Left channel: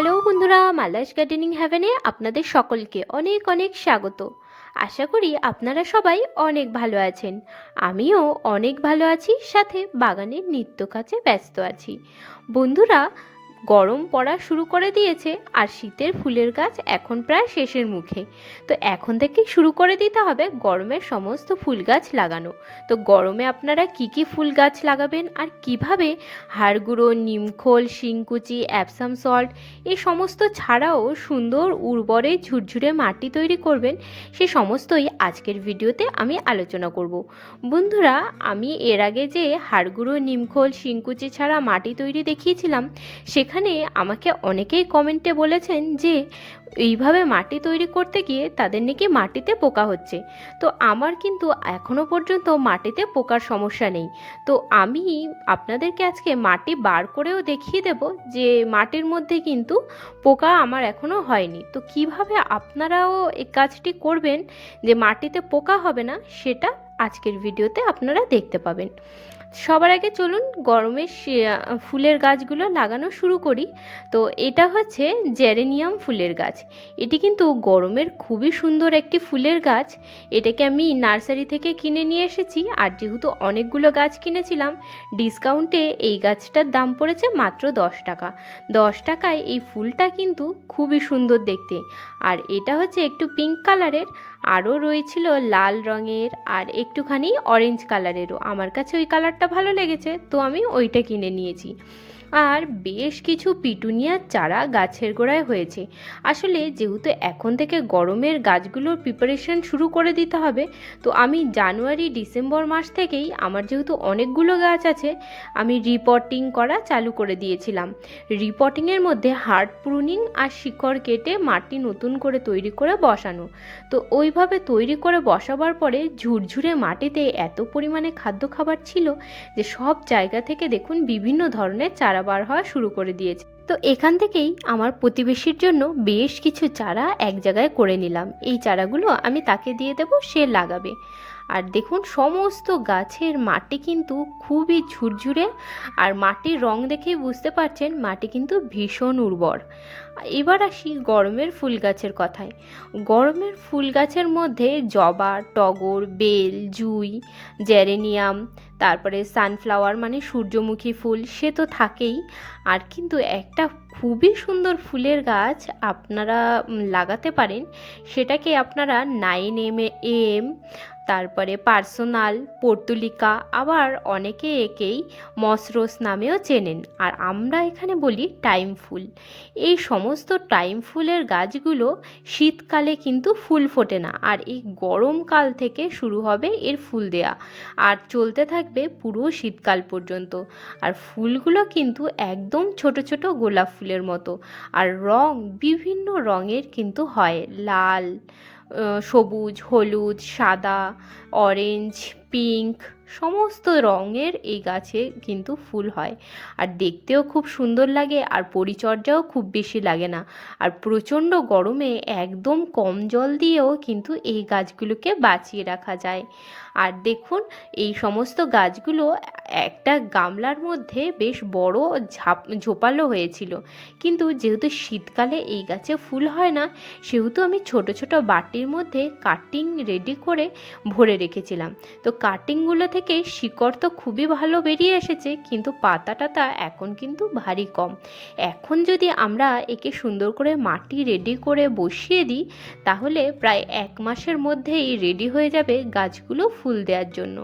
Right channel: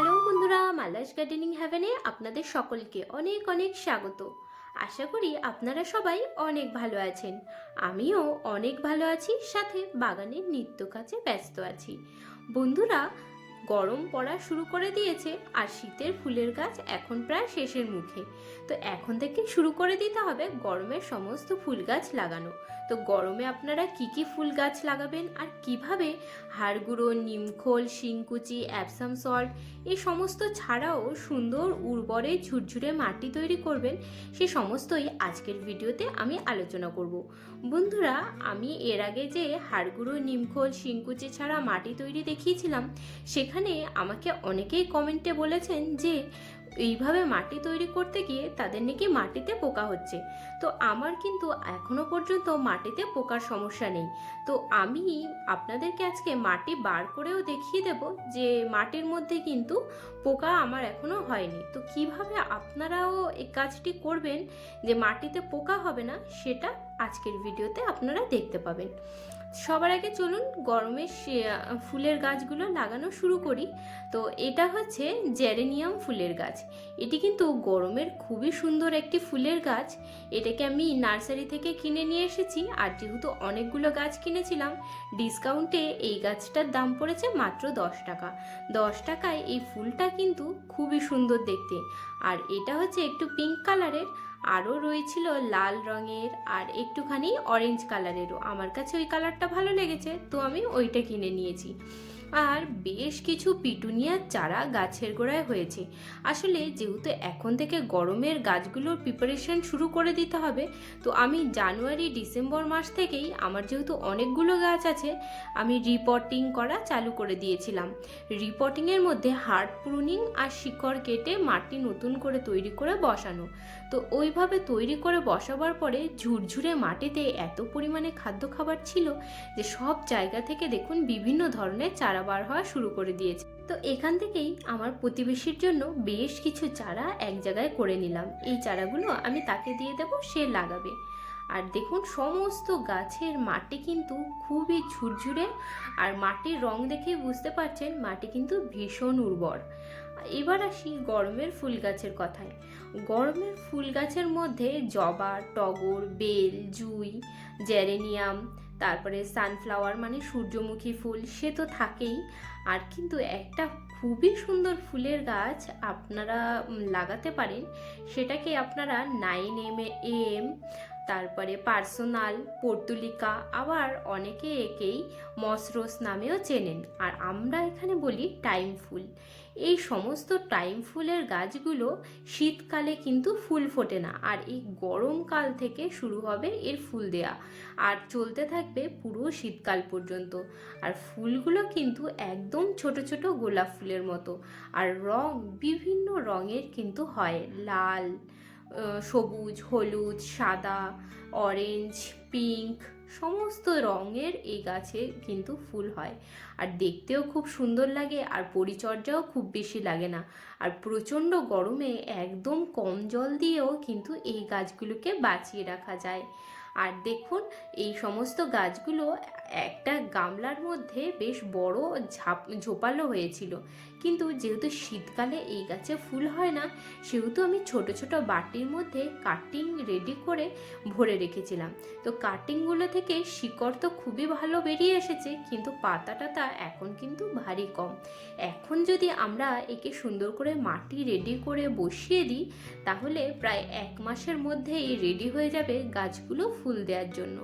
Hello বন্ধুরা, Mala's gardening হ্যাভেনে আপনাদের সকলকে অনেক অনেক স্বাগত। আশা করি আপনারা সবাই অনেক ভালো আছেন। আমিও অনেক ভালো আছি, সাথে বাগানের নিত্য কাজে ব্যস্ত আছি। বন্ধুরা, গরম পড়া শুরু করে দিয়েছে আর শীতের ফুলের গাছ এখন প্রায় শেষের মুখে। তো এখন থেকেই শুরু করে দিতে হবে গরমের সমস্ত ফুল গাছ লাগানো। তো গরমে আপনারা কি কি ফুল গাছ লাগাবেন আর কিভাবে হাড়গুঁড়ো, নিমখোল, শিংকুচি, অ্যাপসাম সল্ট এই সমস্ত ছাড়াও সুন্দর উর্বরে ঝুরঝুরে মাটি তৈরি করবেন, সে সমস্তই আজকের ভিডিওতে আমি আলোচনা করব। বন্ধুরা, আমি এর আগে যে হাড়গুঁড়ো, নিমখোল, শিংকুচি ছাড়া মাটি তৈরি দেখিয়েছিলাম, সেখানে আমাকে অনেকেই কমেন্টে বলেছেন যে এইভাবে মাটি তৈরি করতে গিয়ে তাদের নাকি মাটিতে পোকা হচ্ছে। তো আমার কিন্তু এখনো পর্যন্ত মাটিতে পোকার সমস্যা নেই। তো আমি আপনাদেরকে আজকে মাটি বার করেও দেখিয়ে দেব যে মাটির মধ্যে কিন্তু পোকা আমার এখনো হয়নি। তো কিভাবে আপনারাও এই কাজটি করবেন যে মাটিতে পোকা হবে না, সেটা আজকের ভিডিওতে আপনারা দেখতে পাবেন। সবার আগে চলুন গরমের ফুলের গাছগুলো লাগানো শুরু করি। তো এটা হচ্ছে জেরেনিয়াম ফুলের গাছ। এটি কিন্তু গরমের খুবই সুন্দর একটি ফুলের গাছ। এটাকে আমি নার্সারি থেকে কিনে নিয়ে এসেছি, আর যেহেতু অনেকগুলো গাছ কিনেছিলাম, ডিসকাউন্টে এই গাছটার দাম পড়েছে মাত্র 10 টাকা। 10 টাকায় এই ফুলটা কিন্তু খুবই সুন্দর দেখতে। আর এটা হচ্ছে একটু পিঙ্ক কালারের, আরও রয়েছিল লাল রঙের আর একটুখানি অরেঞ্জ কালারেরও। আমার কাছে ওই কালারটা ভালো লেগেছে, তো আমি ওইটা কিনে নিয়েছি। আর বেশ কিছু পিটুনিয়ার চারা গাছের গোড়ায় হয়েছে। আসলে যেহেতু এখন থেকে গরমের গাছগুলোর প্রিপারেশন শুরু করে দিতে হবে, তো আমি জানুয়ারি ডিসেম্বর মাস থেকেই আমার যেহেতু অনেকগুলো গাছ আছে, আমি রিপটিং করা চালু করে দিয়েছিলাম। রিপটিংয়ের মধ্যে হার্ড প্রুনিং আর শিকড় কেটে মাটি নতুন করে তৈরি করে বসানো। তো ওইভাবে তৈরি করে বসাবার পরে ঝুরঝুরে মাটিতে এত পরিমাণে খাদ্য খাবার ছিল যে সব জায়গা থেকে দেখুন বিভিন্ন ধরনের চারা বার হওয়া শুরু করে দিয়েছে। তো এখান থেকেই আমার প্রতিবেশীর জন্য বেশ কিছু চারা এক জায়গায় করে নিলাম। এই চারাগুলো আমি তাকে দিয়ে দেব, সে লাগাবে। আর দেখুন সমস্ত গাছের মাটি কিন্তু খুবই ঝুরঝুরে, আর মাটির রং দেখেই বুঝতে পারছেন মাটি কিন্তু ভীষণ উর্বর। এবার আসি গরমের ফুল গাছের কথায়। গরমের ফুল গাছের মধ্যে জবা, টগর, বেল, জুঁই, জেরেনিয়াম, তারপরে সানফ্লাওয়ার মানে সূর্যমুখী ফুল, সে তো থাকেই। আর কিন্তু একটা খুবই সুন্দর ফুলের গাছ আপনারা লাগাতে পারেন, সেটাকে আপনারা 9 AM, তারপরে পার্সোনাল, পর্তুলিকা, আবার অনেকে একেই মসরোস নামেও চেনেন, আর আমরা এখানে বলি টাইম ফুল। এই সমস্ত টাইম ফুলের গাছগুলো শীতকালে কিন্তু ফুল ফোটে না, আর এই গরমকাল থেকে শুরু হবে এর ফুল দেয়া, আর চলতে থাকবে পুরো শীতকাল পর্যন্ত। আর ফুলগুলো কিন্তু একদম ছোট ছোট গোলাপ ফুলের মতো, আর রং বিভিন্ন রঙের কিন্তু হয়, লাল, সবুজ, হলুদ, সাদা, অরেঞ্জ, পিঙ্ক, সমস্ত রঙের এই গাছে কিন্তু ফুল হয়। আর দেখতেও খুব সুন্দর লাগে, আর পরিচর্যাও খুব বেশি লাগে না। আর প্রচণ্ড গরমে একদম কম জল দিয়েও কিন্তু এই গাছগুলোকে বাঁচিয়ে রাখা যায়। আর দেখুন এই সমস্ত গাছগুলো একটা গামলার মধ্যে বেশ বড় ঝোপালো হয়েছিল, কিন্তু যেহেতু শীতকালে এই গাছে ফুল হয় না, সেহেতু আমি ছোট ছোট বাটির মধ্যে কাটিং রেডি করে ভরে রেখেছিলাম। তো কাটিংগুলো থেকে শিকড় তো খুবই ভালো বেরিয়ে এসেছে, কিন্তু পাতা টাতা এখন কিন্তু ভারী কম। এখন যদি আমরা একে সুন্দর করে মাটি রেডি করে বসিয়ে দিই, তাহলে প্রায় 1 মাসের মধ্যেই রেডি হয়ে যাবে গাছগুলো ফুল দেওয়ার জন্য।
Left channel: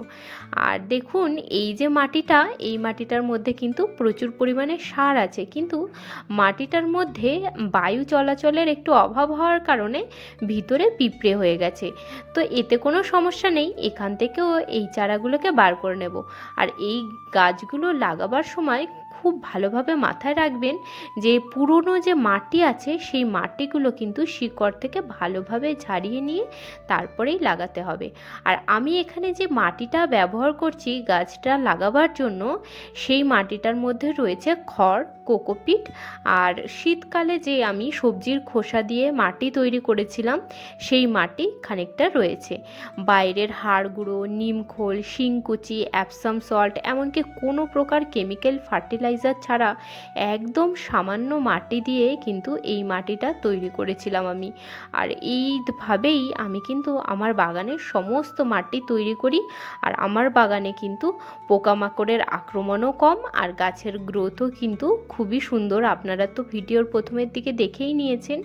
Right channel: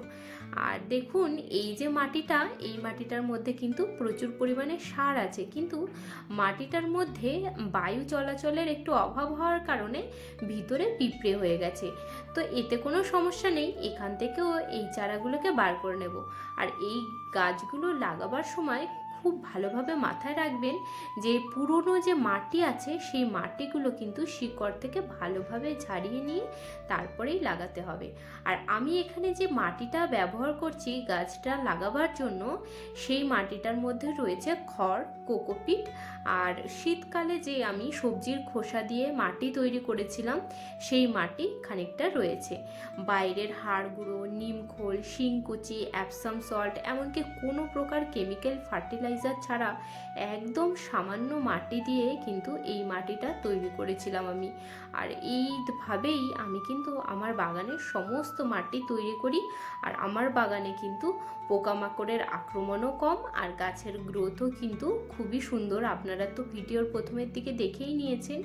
আর দেখুন এই যে মাটিটা, এই মাটিটার মধ্যে কিন্তু প্রচুর পরিমাণে সার আছে, কিন্তু মাটিটার মধ্যে বায়ু চলাচলের একটু অভাব হওয়ার কারণে ভিতরে পিঁপড়ে হয়ে গেছে। তো এতে কোনো সমস্যা নেই, এখান থেকেও এই চারাগুলোকে বার করে নেব। আর এই গাছগুলো লাগাবার সময় খুব ভালোভাবে মাথায় রাখবেন যে পুরনো যে মাটি আছে সেই মাটিগুলো কিন্তু শিকড় থেকে ভালোভাবে ঝাড়িয়ে নিয়ে তারপরেই লাগাতে হবে। আর আমি এখানে যে মাটিটা ব্যবহার করছি গাছটা লাগাবার জন্য, সেই মাটিটার মধ্যে রয়েছে খড়, কোকোপিট, আর শীতকালে যে আমি সবজির খোসা দিয়ে মাটি তৈরি করেছিলাম সেই মাটি খানিকটা রয়েছে। বাইরের হাড়গুঁড়ো, নিমখোল, শিংকুচি, অ্যাপসাম সল্ট, এমনকি কোনো প্রকার কেমিক্যাল ফার্টিলাইজার ফার্টিলাইজার ছাড়া একদম সামান্য মাটি দিয়ে কিন্তু এই মাটিটা তৈরি করেছিলাম আমি। আর এইভাবেই আমি কিন্তু আমার বাগানের সমস্ত মাটি তৈরি করি। আর আমার বাগানে কিন্তু পোকামাকড়ের আক্রমণও কম, আর গাছের গ্রোথও কিন্তু খুবই সুন্দর। আপনারা তো ভিডিওর প্রথমের দিকে দেখেই নিয়েছেন।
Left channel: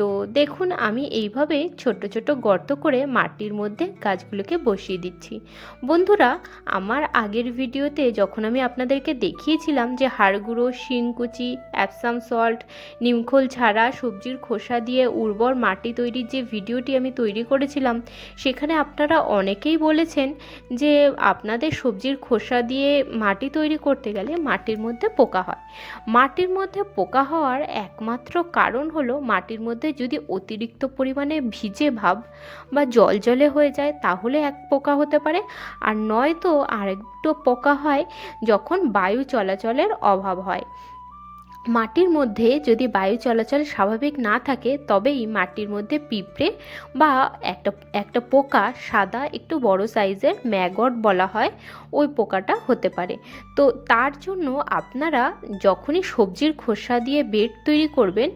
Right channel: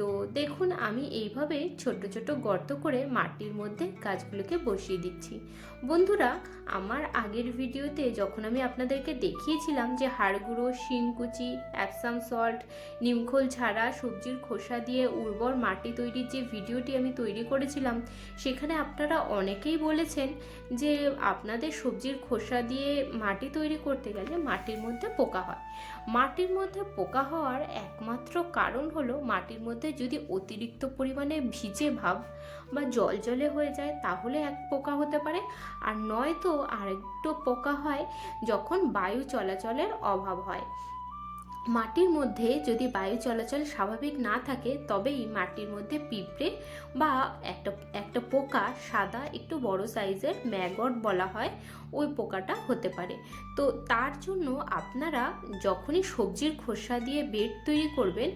তো দেখুন আমি এইভাবে ছোট ছোট গর্ত করে মাটির মধ্যে গাছগুলোকে বসিয়ে দিচ্ছি। বন্ধুরা, আমার আগের ভিডিওতে যখন আমি আপনাদেরকে দেখিয়েছিলাম যে হাড় গুঁড়ো, শিংকুচি, অ্যাপসাম সল্ট, নিমখোল ছাড়া সবজির খোসা দিয়ে উর্বর মাটি তৈরির যে ভিডিওটি আমি তৈরি করেছিলাম, সেখানে আপনারা অনেকেই বলেছেন যে আপনাদের সবজির খোসা দিয়ে মাটি তৈরি করতে গেলে মাটির মধ্যে পোকা হয়। মাটির মধ্যে পোকা হওয়ার একমাত্র কারণ হলো মাটির মধ্যে যদি অতিরিক্ত পরিমাণে ভিজে ভাব বা জলজলে হয়ে যায় তাহলে এক পোকা হতে পারে, আর নয়তো আরেকটু পোকা হয় যখন বায়ু চলাচলের অভাব হয়। মাটির মধ্যে যদি বায়ু চলাচল স্বাভাবিক না থাকে তবেই মাটির মধ্যে পিঁপড়ে বা একটা একটা পোকা, সাদা একটু বড় সাইজের ম্যাগট বলা হয়, ওই পোকাটা হতে পারে। তো তার জন্য আপনারা যখনই সবজির খোসা দিয়ে বেড তৈরি করবেন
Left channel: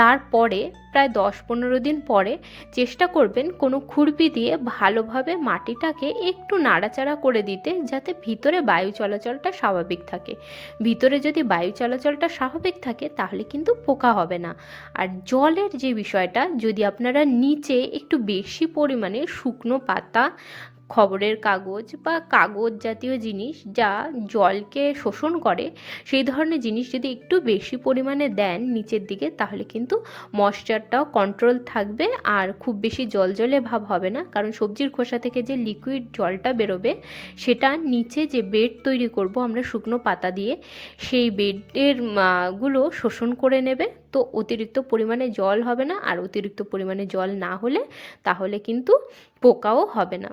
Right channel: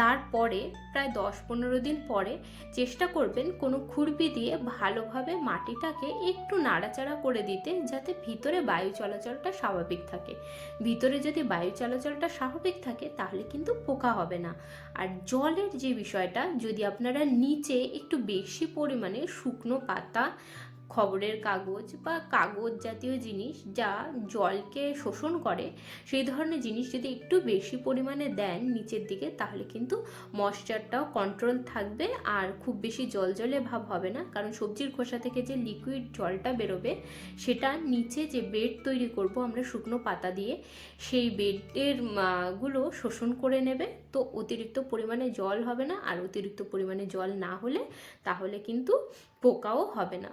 তারপরে প্রায় 10-15 দিন পরে চেষ্টা করবেন কোনো খুরপি দিয়ে ভালোভাবে মাটিটাকে একটু নাড়াচাড়া করে দিতে, যাতে ভিতরে বায়ু চলাচলটা স্বাভাবিক থাকে। ভিতরে যদি বায়ু চলাচলটা স্বাভাবিক থাকে তাহলে কিন্তু পোকা হবে না। আর জলের যে বিষয়টা, যদি আপনারা নিচে একটু বেশি পরিমাণে শুকনো পাতা, খবরের কাগজ বা কাগজ জাতীয় জিনিস যা জলকে শোষণ করে, সেই ধরনের জিনিস যদি একটু বেশি পরিমাণে দেন নিচের দিকে, তাহলে কিন্তু ময়েশ্চারটাও কন্ট্রোল থাকবে আর খুব বেশি জলজলে ভাব হবে না। কারণ সবজির খোসা থেকে যে লিকুইড জলটা বেরোবে সেটা নিচে যে বেড তৈরি করব আমরা শুকনো পাতা দিয়ে, সেই বেডের গুলো শোষণ করে নেবে। তো অতিরিক্ত পরিমাণে জল হবে না, আর অতিরিক্ত পরিমাণে জল না হলে তাহলে কিন্তু পোকাও হবে না।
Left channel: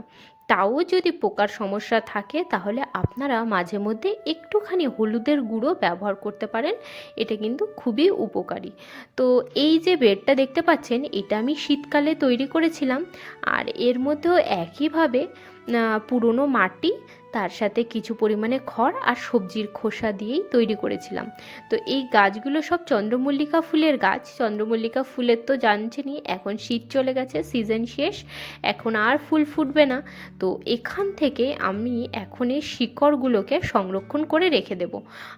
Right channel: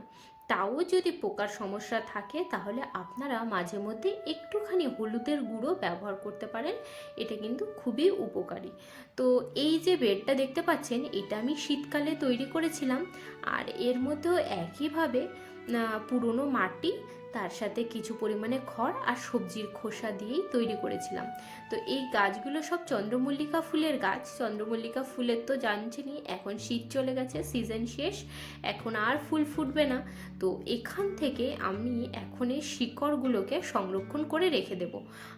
তাও যদি পোকার সমস্যা থাকে তাহলে আপনারা মাঝে মধ্যে একটুখানি হলুদের গুঁড়ো ব্যবহার করতে পারেন, এটা কিন্তু খুবই উপকারী। তো এই যে বেডটা দেখতে পাচ্ছেন, এটা আমি শীতকালে তৈরি করেছিলাম। আর এর মধ্যেও একইভাবে পুরনো মাটি, তার সাথে কিছু পরিমাণে খড় আর সবজির খোসা দিয়েই তৈরি করেছিলাম। তো এই গাছগুলো সব চন্দ্রমল্লিকা ফুলের গাছ। চন্দ্রমল্লিকা ফুলের তো জানছেনই, এখন শীত চলে গেছে, সিজন শেষ, এখন আর ফুল ফুটবে না। তো এখান থেকে আমি এখন এই শিকড়গুলোকে সংরক্ষণ করে রেখে দেব।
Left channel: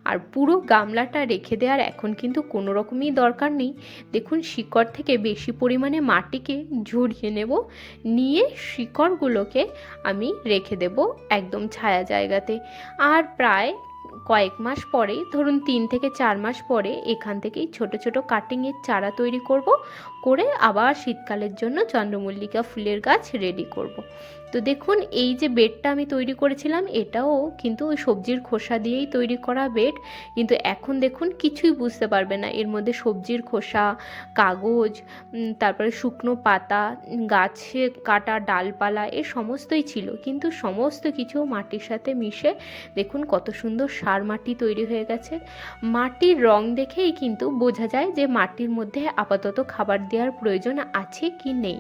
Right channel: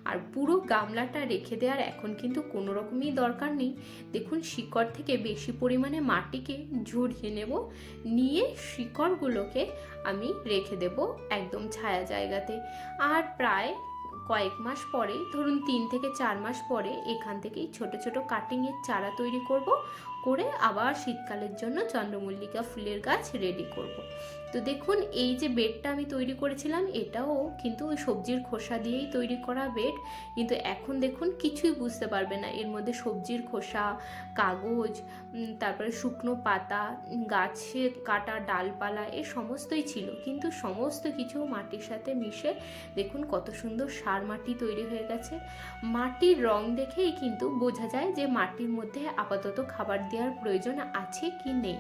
আর পুরো গামলাটা রেখে দেওয়ার এখন কিন্তু কোনো রকমই দরকার নেই। দেখুন, শিকড় থেকে বেশি পরিমাণে মাটিকে ঝরিয়ে নেব, নিয়ে শিকড়গুলোকে আমি রেখে দেব একদম ছায়া জায়গাতে। আর প্রায় কয়েক মাস পরে, ধরুন 3 থেকে 4 মাস পরে, এখান থেকেই ছোট ছোট কাটিংয়ের চারা তৈরি করব, করে আবার শীতকালের জন্য চন্দ্রমল্লিকা ফুলের গাছ রেডি করব। তো দেখুন, এই যে বেডটা আমি তৈরি করেছিলাম এটাও কিন্তু ওই সবজির খোসা দিয়েই তৈরি করা বেড। কিন্তু এখন দেখুন কিছুই বুঝতে পারবে না, এর মধ্যে সবজির খোসা, কাগজ, তারপরে শুকনো পাতা, গাছে কাটা ডালপালা, এ সমস্তই ছিল। কিন্তু সমস্ত কিছু মাটির সাথে মিশে দেখুন কত সুন্দর সার মাটি তৈরি হয়ে গেছে। মাটির রং দেখেই কিন্তু বোঝা যায় যে মাটির মধ্যে আপাতত খাবার দেওয়ার প্রয়োজন আছে কি নেই।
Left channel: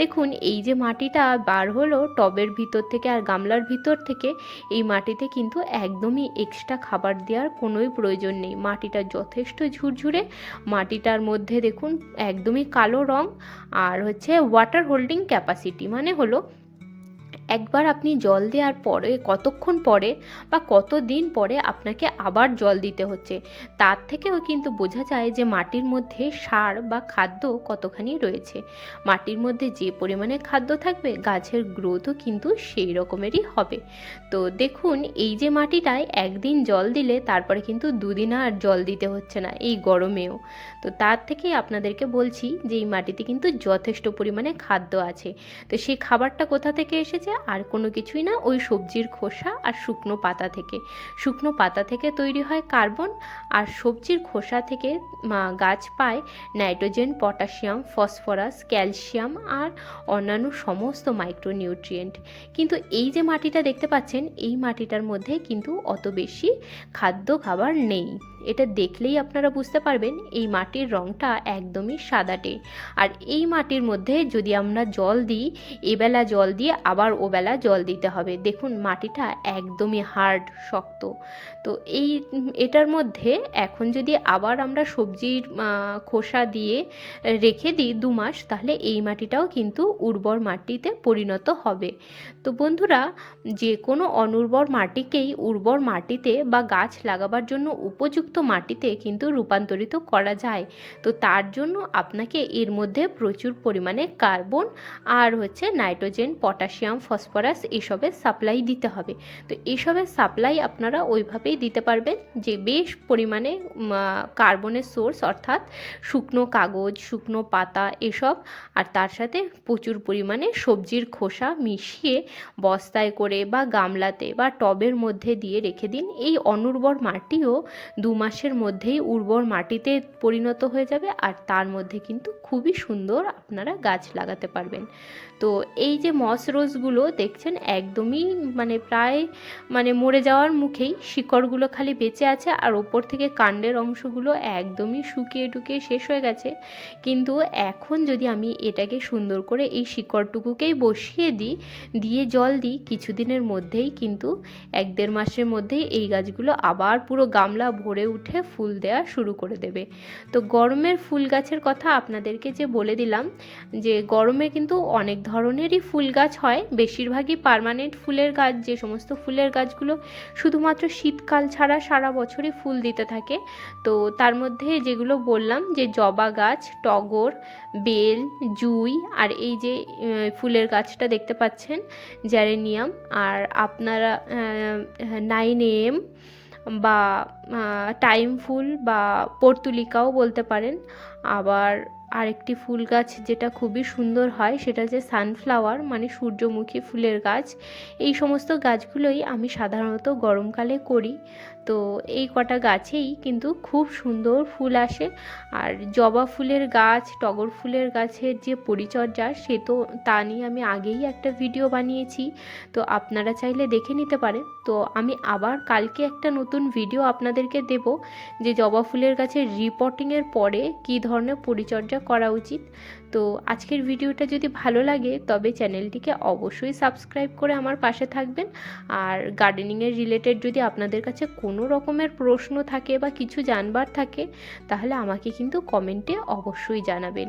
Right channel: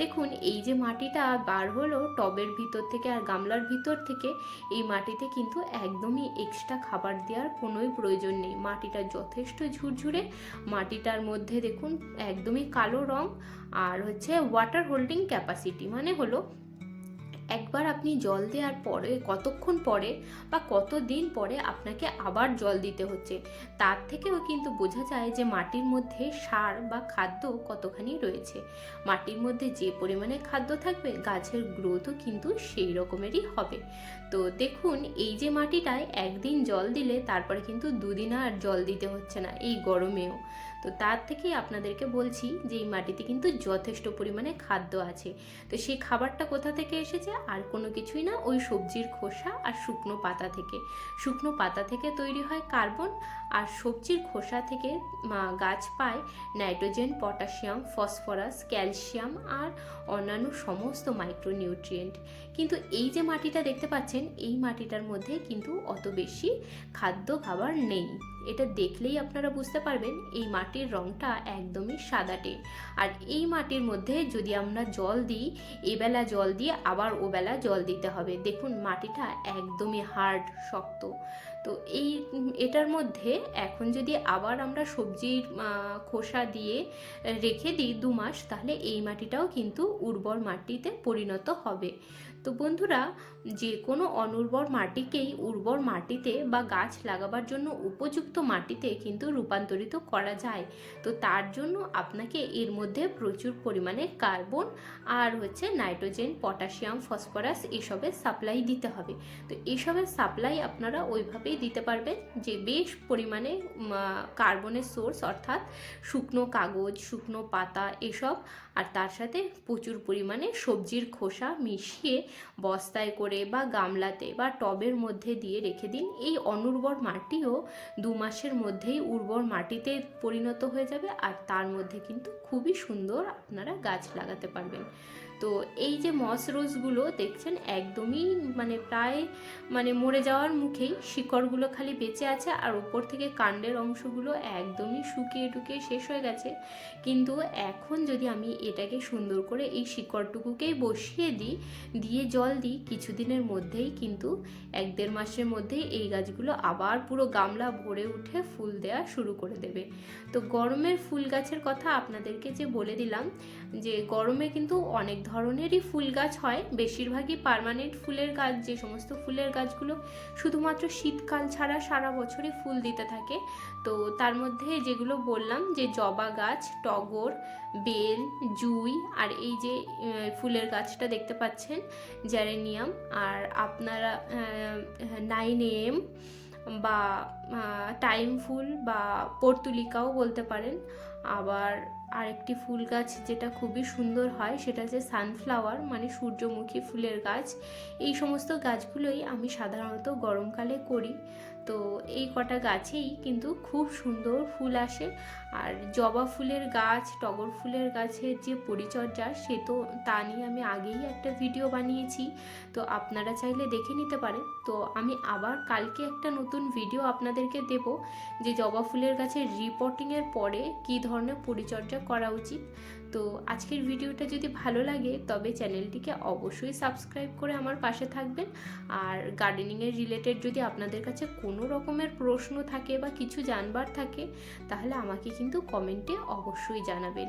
দেখুন, এই যে মাটিটা বার হলো টবের ভিতর থেকে আর গামলার ভিতর থেকে, এই মাটিতে কিন্তু একদমই এক্সট্রা খাবার দেওয়ার কোনোই প্রয়োজন নেই। মাটিটা যথেষ্ট ঝুরঝুরে, মাটিটার মধ্যে দেখুন একদমই কালো রং, আর হচ্ছে ওয়াটার হোল্ডিং ক্যাপাসিটি, মানে হলো একবার আপনি জল দেওয়ার পরে কতক্ষণ পরে বা কত দিন পরে আপনাকে আবার জল দিতে হচ্ছে, তার থেকেও কিন্তু বোঝা যায় যে মাটির মধ্যে সার বা খাদ্য কতখানি রয়েছে। মাটির মধ্যে যে পরিমাণে খাদ্য থাকবে গাছের গ্রোথও কিন্তু সেই রকমেরই হবে। তো দেখুন, এই যে মাটিটায় একদিন জল দিলে তারপরে কিন্তু 2 দিন আর জল দিতে হচ্ছে না এই গরমেও। তো তার থেকেই আপনাদেরকে বলছি যে এই মাটিতে কিন্তু যথেষ্ট পরিমাণে খাদ্য আছে। তো সেই খাবারটা কোথা থেকে এসেছে? আর কোনো কিছুই না, ওই সবজির খোসা আর শুকনো পাতা থেকে। শুকনো পাতা থেকে তৈরি হয় কার্বন, আর সবজির খোসা থেকে গাছ পায় নাইট্রোজেন, পটাশিয়াম, ফসফরাস, ক্যালসিয়াম আর অন্যান্য সমস্ত মাইক্রোনিউট্রিয়েন্ট। কিন্তু এই যে মাটিটা দেখতে পাচ্ছেন, এই মাটিটার মধ্যে কিন্তু অত বেশি খাদ্য খাবার নেই। এটা দেখলেই আপনারা বুঝতে পারবেন এই মাটির রঙটা একদমই সাদাটে। আর এই মাটির মধ্যে যদি আমরা জল দিই, এবেলা জল দিয়ে আবার ওবেলা জল দিতে হবে। দেখুন, মাটিটা একদমই হার্ড, শক্ত। তো এটার মধ্যে এখন যদি আবার আমরা সবজির খোসা দিয়ে রেখে দিই 2 মাস, তাহলে এই মাটিটাও কিন্তু উর্বর মাটিতে পরিণত হবে। তো বন্ধুরা, যে কোনো অনুর্বর মাটিকেই উর্বর মাটিতে বা গাছ লাগাবার জন্য উপযুক্ত মাটিতে কিন্তু রূপান্তরিত করা যায়। তো তার জন্য আপনাকে এর মধ্যে প্রচুর পরিমাণে কার্বন আর নাইট্রোজেন, পটাশিয়াম, ফসফরাস এসবের সাপ্লাই দিতে হবে। তো এসবের সাপ্লাই আপনারা ওইভাবেই দিতে পারবেন যে বেশ পরিমাণে কার্বনের সোর্স, অর্থাৎ শুকনো কাগজ, শুকনো পাতা এসব, আর তার সাথে প্রচুর পরিমাণে সবজির খোসা মিশিয়ে বস্তায় করে বা গামলাতে বা টবের মধ্যে দিয়ে রেখে দিন। এই অনুর্বর মাটিও 2 মাসের মধ্যেই উর্বর মাটিতে পরিণত হয়ে যাবে, আর তার মধ্যে কিন্তু খুবই সুন্দর আপনারা গাছ লাগাতে পারবেন। তো এই যে মস রোজগুলো দেখছেন একদমই প্রায় মরে যাওয়ার মুখেই, শিকড়গুলো খালি বেঁচে আছে, আর ওপর থেকে কাণ্ডের অংশগুলো একদমই শুকিয়ে টুকিয়ে শেষ হয়ে গেছে। কিন্তু এখন যদি আমি এটাকে সুন্দর করে এই শিকড়টুকুকেই বসিয়ে দিয়ে জল দিই, কিছুদিনের মধ্যেই কিন্তু 1-1.5 মাসের মধ্যেই এই গাছগুলো আবার পুরো গামলা ভরে উঠে ফুল দেওয়া শুরু করে দেবে। তো গরমের ফুল গাছের কথা আপনাদেরকে যে বলে দিলাম, যে গরমে কিন্তু অনেক ধরনেরই ফুল গাছ হয়। বেশিরভাগই পার্মানেন্ট ফুলের গাছ, যে সমস্ত ফুলের গাছগুলো শুধুমাত্র শীতকাল ছাড়া সারা বছরই ফুল দিতে থাকে। তো তার মধ্যে যেগুলো বললাম, যে জবা গাছ, টগর, বেল, জুঁই, আর এই যে ফুলের গাছটা দেখতে পাচ্ছেন জেরেনিয়াম, আর আপনারা 9M বা টাইম ফুল বা পর্তুলিকাও বলতে পারেন। আবার আরেকটি ফুল গাছ যেটা খুবই সুন্দর হয় সেটা হচ্ছে সানফ্লাওয়ার, সূর্যমুখী ফুলের গাছ। এই সমস্ত গাছগুলোই আমি সাধারণত গরমকালে করি। তো এই কটা গাছেই কিন্তু খুব সুন্দর ফুল আসে। আর জবা ফুলের গাছ, টগর ফুলের গাছের যে পরিচর্যা, তা নিয়ে আমি আগেই একটা ভিডিও বানিয়েছি, তো আপনারা চাইলে দেখে নিতে পারেন। তো আমি আবার কালকে একটা নতুন ভিডিও আপনাদেরকে দেব, যে জবা ফুলের গাছের রিপোর্টিংয়ের পরে কী ধরনের পরিচর্যা করা উচিত। তো আজকের ভিডিওটা যদি ভালো লাগে তবে চ্যানেলটিকে অবশ্যই সাবস্ক্রাইব করে আমার পাশে থাকবেন। আর গার্ডেনিংয়ের রিলেটেড যদি আপনাদের কাছে কোনো রকমের প্রশ্ন থাকে বা কিছু জানবার থাকে, তাহলে আমাকে কিন্তু কমেন্টে অবশ্যই জানাবেন।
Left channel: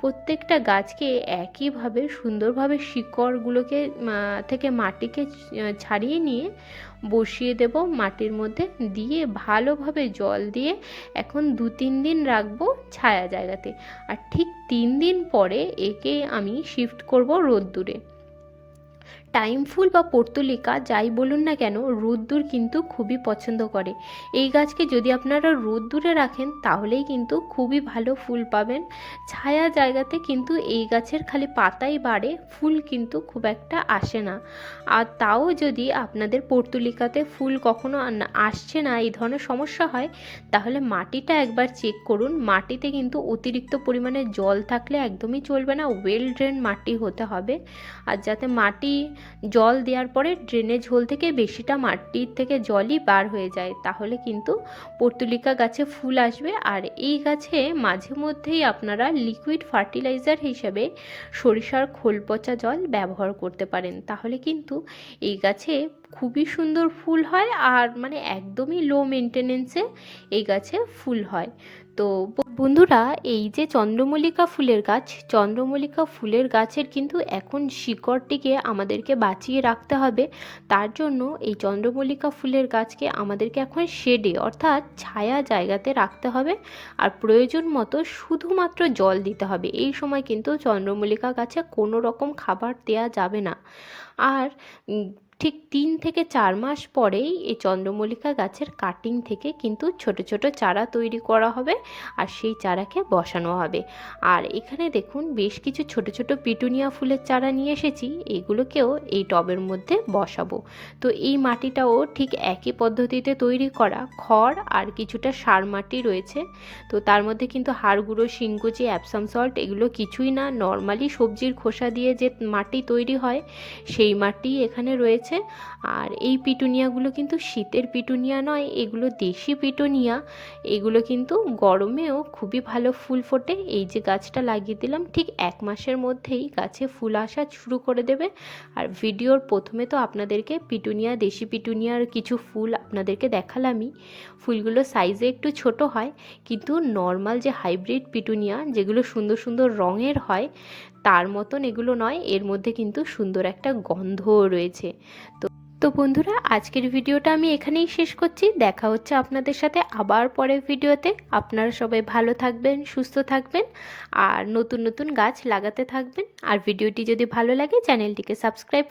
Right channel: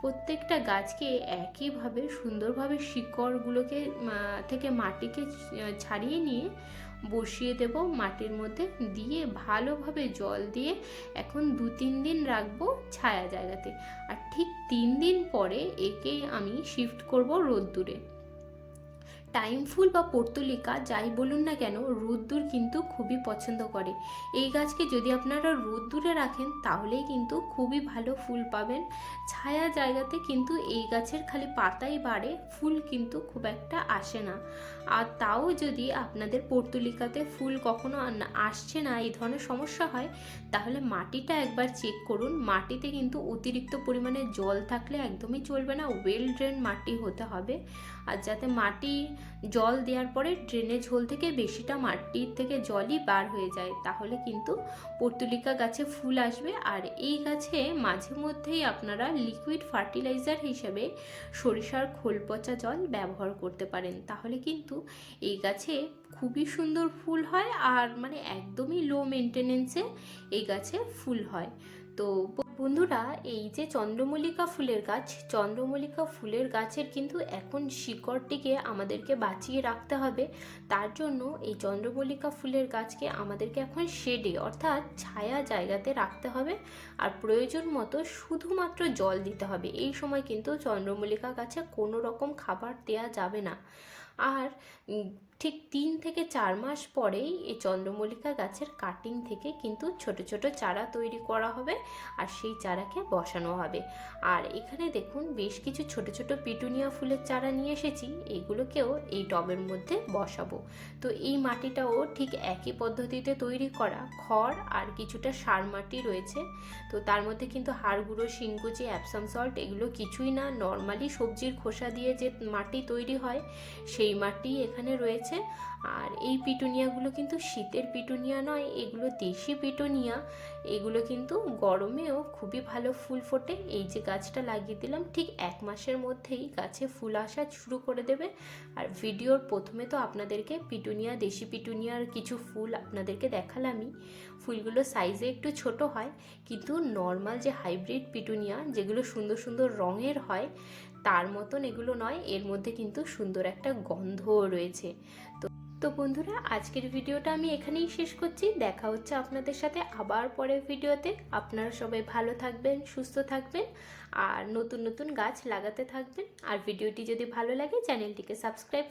প্রত্যেকটা গাছকে একইভাবে সুন্দরভাবে শিকড়গুলোকে থেকে মাটিকে ছাড়িয়ে নিয়ে বসিয়ে দেব মাটির মধ্যে, দিয়ে ভালোভাবে জল দিয়ে এখন 2-3 দিন রাখবো ছায়া জায়গাতে। আর ঠিক 3 দিন পরে একে আমি শিফট করব রোদ্দুরে। টাইম ফুল বা পর্তুলিকা যাই বলুন না কেন, রোদ্দুর কিন্তু খুবই পছন্দ করে। এই গাছকে যদি আপনারা রোদ্দুরে রাখেন তাহলেই কিন্তু খুবই ভালো ফুল পাবেন। ছায়া জায়গাতে কিন্তু এই গাছের খালি পাতাই বাড়ে, ফুল কিন্তু খুব একটা আসে না। আর তাও যদি আপনাদের পর্তুলিকাতে ফুল কখনো আসছে না, এই ধরনের সমস্যা হয়, তাহলে মাটিটা একবার চেক করুন। মাটিতে কিন্তু অতিরিক্ত পরিমাণে জল থাকলে একদমই চলবে না, ওয়েল ড্রেন মাটি হতে হবে। আর যাতে মাটি জল দেওয়ার পরে ড্রেনেজ হোল থেকে বেশিটা মাটির থেকে জলই বার হয়ে যায়, তাহলে কিন্তু পর্তুলিকা গাছে ফুল আসবে। আর এই গাছে মাঝে মধ্যেই আপনারা লিকুইড ফার্টিলাইজার হিসেবে সরিষার খোল পচা জল ব্যবহার করতে পারেন, তাহলে কিন্তু এই গাছে খুবই সুন্দর ফুল হয়। আর একদমই লো মেনটেনেন্সে এই গাছে ফুল হয়। তো বন্ধুরা, এই যে চন্দ্রমল্লিকা ফুলের গাছের কিন্তু এখন শিকড়টিকে আমাদেরকে বাঁচিয়ে রাখতে হবে। তার জন্য এই চন্দ্রমল্লিকা ফুলের গাছকে আমাদেরকে এখন শেডে, অর্থাৎ ছায়া জায়গাতে রাখতে হবে। আর প্রয়োজন মতো শুধুমাত্র জল দিতে হবে। এই সময় কিন্তু চন্দ্রমল্লিকা গাছে কোনো রকম খাবার দেওয়া যাবে না। আর ঠিক 3 থেকে 4 মাস পরেই এই চন্দ্রমল্লিকা গাছের কাটিং থেকে কিন্তু ছোট ছোট চারা তৈরি করা হবে, আর সেই চারাকে বসানো হবে। আর এখানে দেখুন বেশ কিছু ছোট ছোট পিটুনিয়া ফুলের চারা নিয়ে এসেছি, এগুলোকেও এই টবের মধ্যে বসাবো। তো এই মাটিটাও ঠিক একই পদ্ধতিতে তৈরি করা, খড় আর কিছুটা সার মাটি রয়েছে। তো তার মধ্যে কিন্তু হাড় গুঁড়ো, শিংকুচি, অ্যাপসাম সল্ট এগুলো কিছুই না, নর্মালি সবজির খোসা দিয়ে যে মাটি তৈরি হয় সেই মাটি এখানে রয়েছে। হয়েছে। আর এই পিটুনিয়াগুলো কিন্তু শীতের পিটুনিয়া নয়, এগুলো দেশি পিটুনিয়া। এগুলো কিন্তু গরমেও খুবই ভালো ফুল ফোটে। এই যে গাছটা লাগিয়ে দিলাম, ঠিক 1 মাসের মধ্যেই গাছে ফুল আসা শুরু করে দেবে। আর ভিডিওর প্রথমে তো আপনাদেরকে পিটুনিয়া, দেশি পিটুনিয়ার কিছু ফুল আপনাদেরকে দেখালামই। ফুলগুলো সাইজে একটু ছোট হয়, কিন্তু নর্মাল যে হাইব্রিড পিটুনিয়া যেগুলো সুন্দর সুন্দর রঙের হয় তার মতন এগুলো নয়। এর মধ্যে কিন্তু সুন্দর একটা গন্ধও রয়েছে। তো বন্ধুরা, আজকের ভিডিওটা আমি এখানেই শেষ করছি। দেখা হচ্ছে আপনাদের সাথে আবার পরের ভিডিওতে। আপনারা সবাই ভালো থাকবেন, সুস্থ থাকবেন, আর নতুন নতুন গাছ লাগাতে থাকবেন। আর ভিডিওটি যদি ভালো লাগে চ্যানেলটিকে সাবস্ক্রাইব